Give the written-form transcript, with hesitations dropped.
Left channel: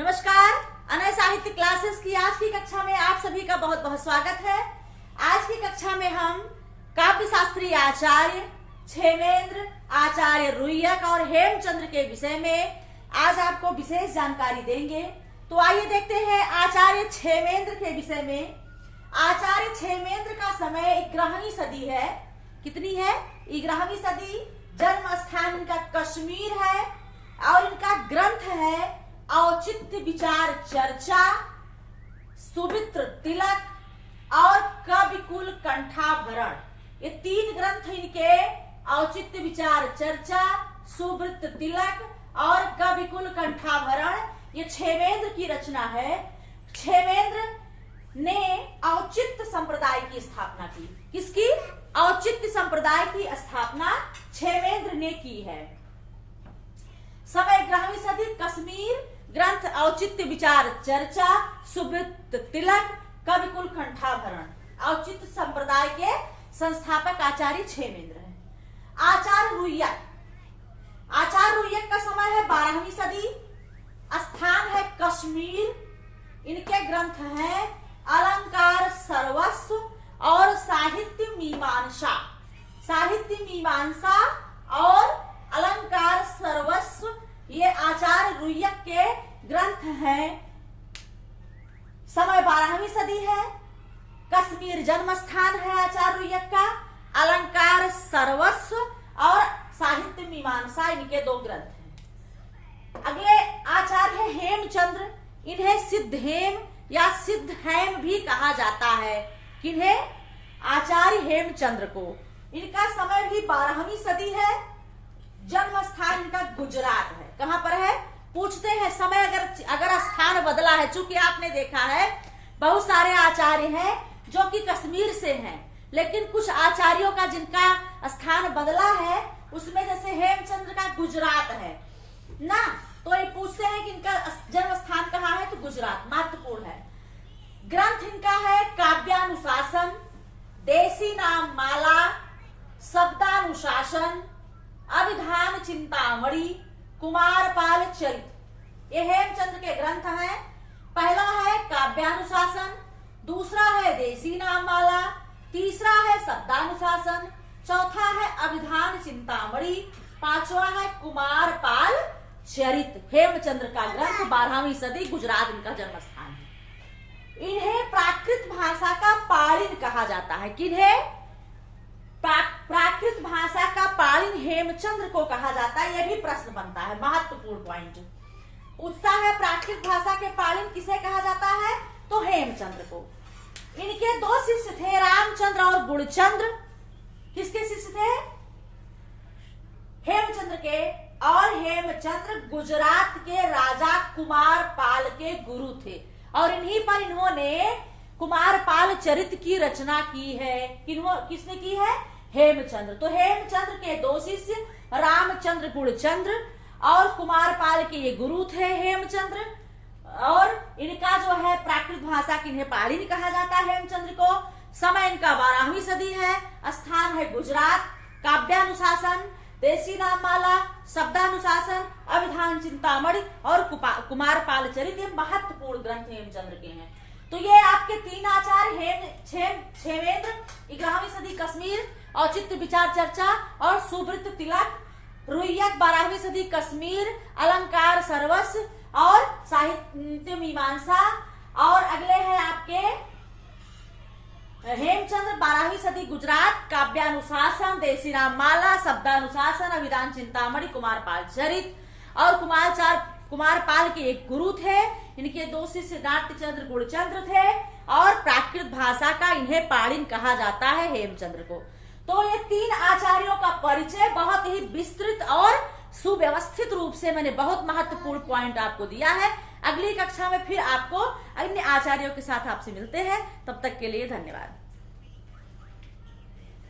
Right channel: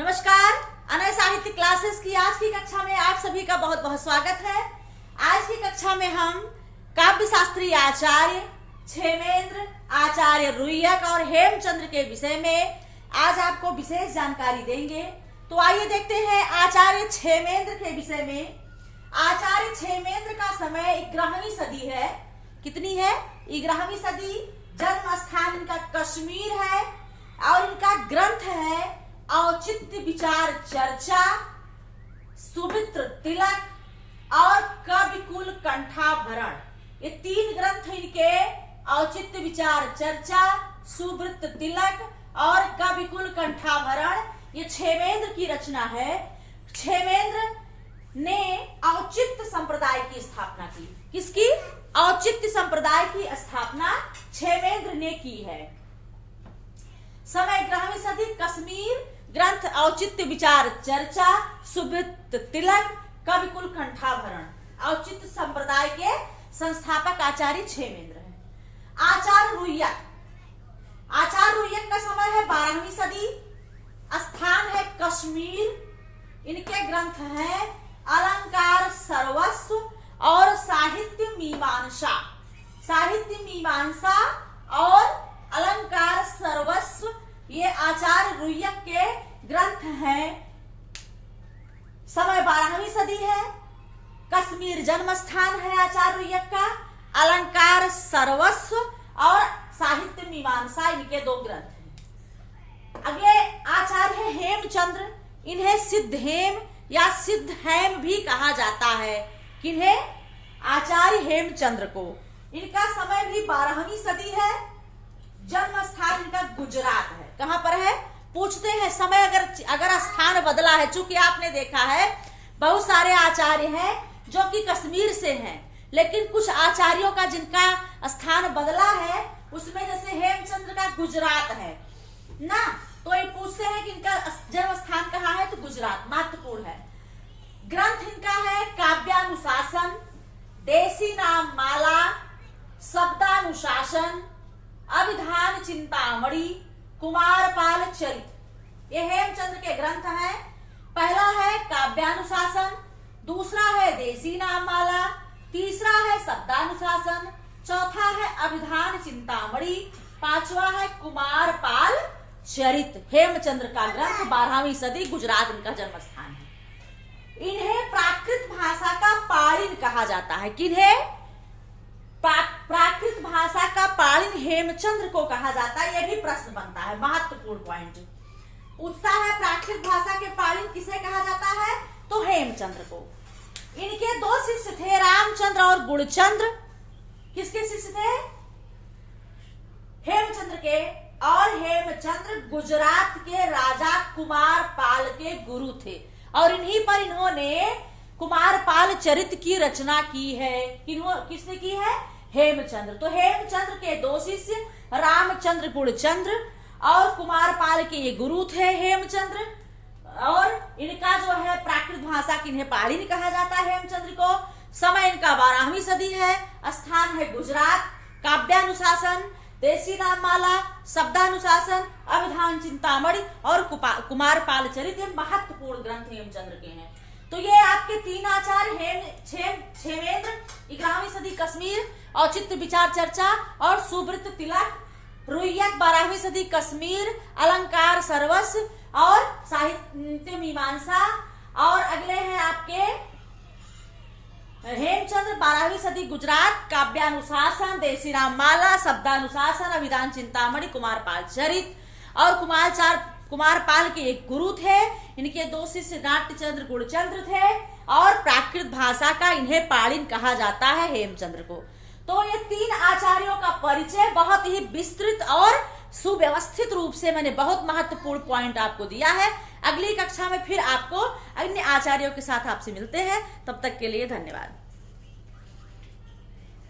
नमस्कार, अनय साहित्य क्लासेस की आज की कक्षा में आप सभी का बहुत बहुत स्वागत है। आज की कक्षा में हम काव्य शास्त्री आचार्य क्षेमेंद्र, आचार्य रुय्यक और हेमचंद्र के विषय में आज आपको विशेष जानकारी देंगे। तो आइए देखते हैं आचार्य क्षेमेंद्र के विषय में। आचार्य क्षेमेंद्र का समय 11वीं सदी है। कितनी है? 11वीं सदी। जन्म स्थान इनका कश्मीर है और इनका ग्रंथ है औचित्य विचार चर्चा, सुमित्र तिलक और कविकुल कंठाभरण। ये 3 ग्रंथ इनके औचित्य विचार चर्चा, सुवृत्त तिलक और कविकुल कंठाभरण, ये क्षेमेंद्र की रचना है। क्षेमेंद्र ने औचित्य संप्रदाय की स्थापना की। किसकी? औचित्य संप्रदाय की स्थापना क्षेमेंद्र ने की है। समय 11वीं सदी, कश्मीर, ग्रंथ औचित्य विचार चर्चा, सुवृत्त तिलक, कविकुल कंठाभरण। औचित्य संप्रदाय के संस्थापक आचार्य क्षेमेंद्र हैं। आचार्य रुय्यक, आचार्य रुय्यक का समय है 12वीं सदी, स्थान है कश्मीर। इनके ग्रंथ हैं अलंकार सर्वस्व और साहित्य मीमांसा। साहित्य मीमांसा और अलंकार सर्वस्व ये आचार्य रुय्यक के ग्रंथ हैं। समय 12वीं सदी है, कश्मीर जन्म स्थान है आचार्य रुय्यक का, अलंकार सर्वस्व और साहित्य मीमांसा इनके 2 ग्रंथ हैं। अगले आचार्य है हेमचंद्र। इन्हें सिद्धहेम या सिद्धहेम भी कहा जाता है। किन्हें? आचार्य हेमचंद्र को। इनका समय भी 12वीं सदी है। जन्म स्थान इनका गुजरात है। कहां पर है? पूछते हैं समय अगर स्थान बदला है। चूंकि आपने देखा है बहुत सारे आचार्य हैं जो कि कश्मीर से हैं, लेकिन कुछ आचार्यों का जिनका स्थान बदला है उसमें जैसे हेमचंद्र का गुजरात है ना, तो ये पूछते हैं कि इनका जन्म स्थान कहाँ है, तो गुजरात। महत्वपूर्ण है। ग्रंथ इनका है काव्यानुशासन, देसी नाम माला, शब्दानुशासन, अभिधान चिंतामणि, कुमारपाल चरित। ये हेमचंद्र के ग्रंथ हैं। पहला है काव्यानुशासन, दूसरा है देसी नाम माला, तीसरा है शब्दानुशासन, चौथा है अभिधान चिंतामणि, 5वां है कुमारपाल चरित। हेमचंद्र का ग्रंथ 12वीं सदी, गुजरात इनका जन्म स्थान है। इन्हें प्राकृत भाषा का पाणिन कहा जाता है। किन्हें? प्राकृत भाषा का पाणिन हेमचंद्र को कहा जाता है। यह भी प्रश्न बनता है, महत्वपूर्ण पॉइंट पूछता है। प्राकृत भाषा के पाणिन किसे कहा जाता है? तो हेमचंद्र को। इनके 2 शिष्य थे, रामचंद्र और गुणचंद्र। किसके शिष्य थे? हेमचंद्र के। और हेमचंद्र गुजरात के राजा कुमारपाल के गुरु थे और इन्हीं पर इन्होंने कुमारपाल चरित की रचना की है। किसने की है? हेमचंद्र। तो हेमचंद्र के 2 शिष्य रामचंद्र, गुणचंद्र और कुमारपाल के ये गुरु थे हेमचंद्र। और इनका जो है प्राकृत भाषा की इन्हें पाणिन कहा जाता है हेमचंद्र को। समय इनका 12वीं सदी है, स्थान है गुजरात। काव्यानुशासन, देसी नाम माला, शब्दानुशासन, अभिधान चिंतामणि और कुमारपाल चरित, ये महत्वपूर्ण ग्रंथ हेमचंद्र के हैं। तो ये आपके 3 आचार्य क्षेमेंद्र 11वीं सदी कश्मीर, औचित्य विचार चर्चा और सुवृत्त तिलक, रुय्यक 12वीं सदी कश्मीर, अलंकार सर्वस्व और साहित्य मीमांसा। और अगले हैं आपके हेमचंद्र 12वीं सदी गुजरात, काव्यानुशासन, देसी नाम माला, शब्दानुशासन, अभिधान चिंतामणि, कुमारपाल चरित। और कुमारपाल के एक गुरु थे। इनके 2 शिष्य नाट्यचंद्र, गुणचंद्र थे और प्राकृत भाषा का इन्हें पाणिन कहा जाता है हेमचंद्र को। तो ये 3 आचार्यों का परिचय बहुत ही विस्तृत और सुव्यवस्थित रूप से मैंने बहुत महत्वपूर्ण पॉइंट आपको दिया है। अगली कक्षा में फिर आपको अन्य आचार्यों के साथ आपसे मिलते हैं। तब तक के लिए धन्यवाद।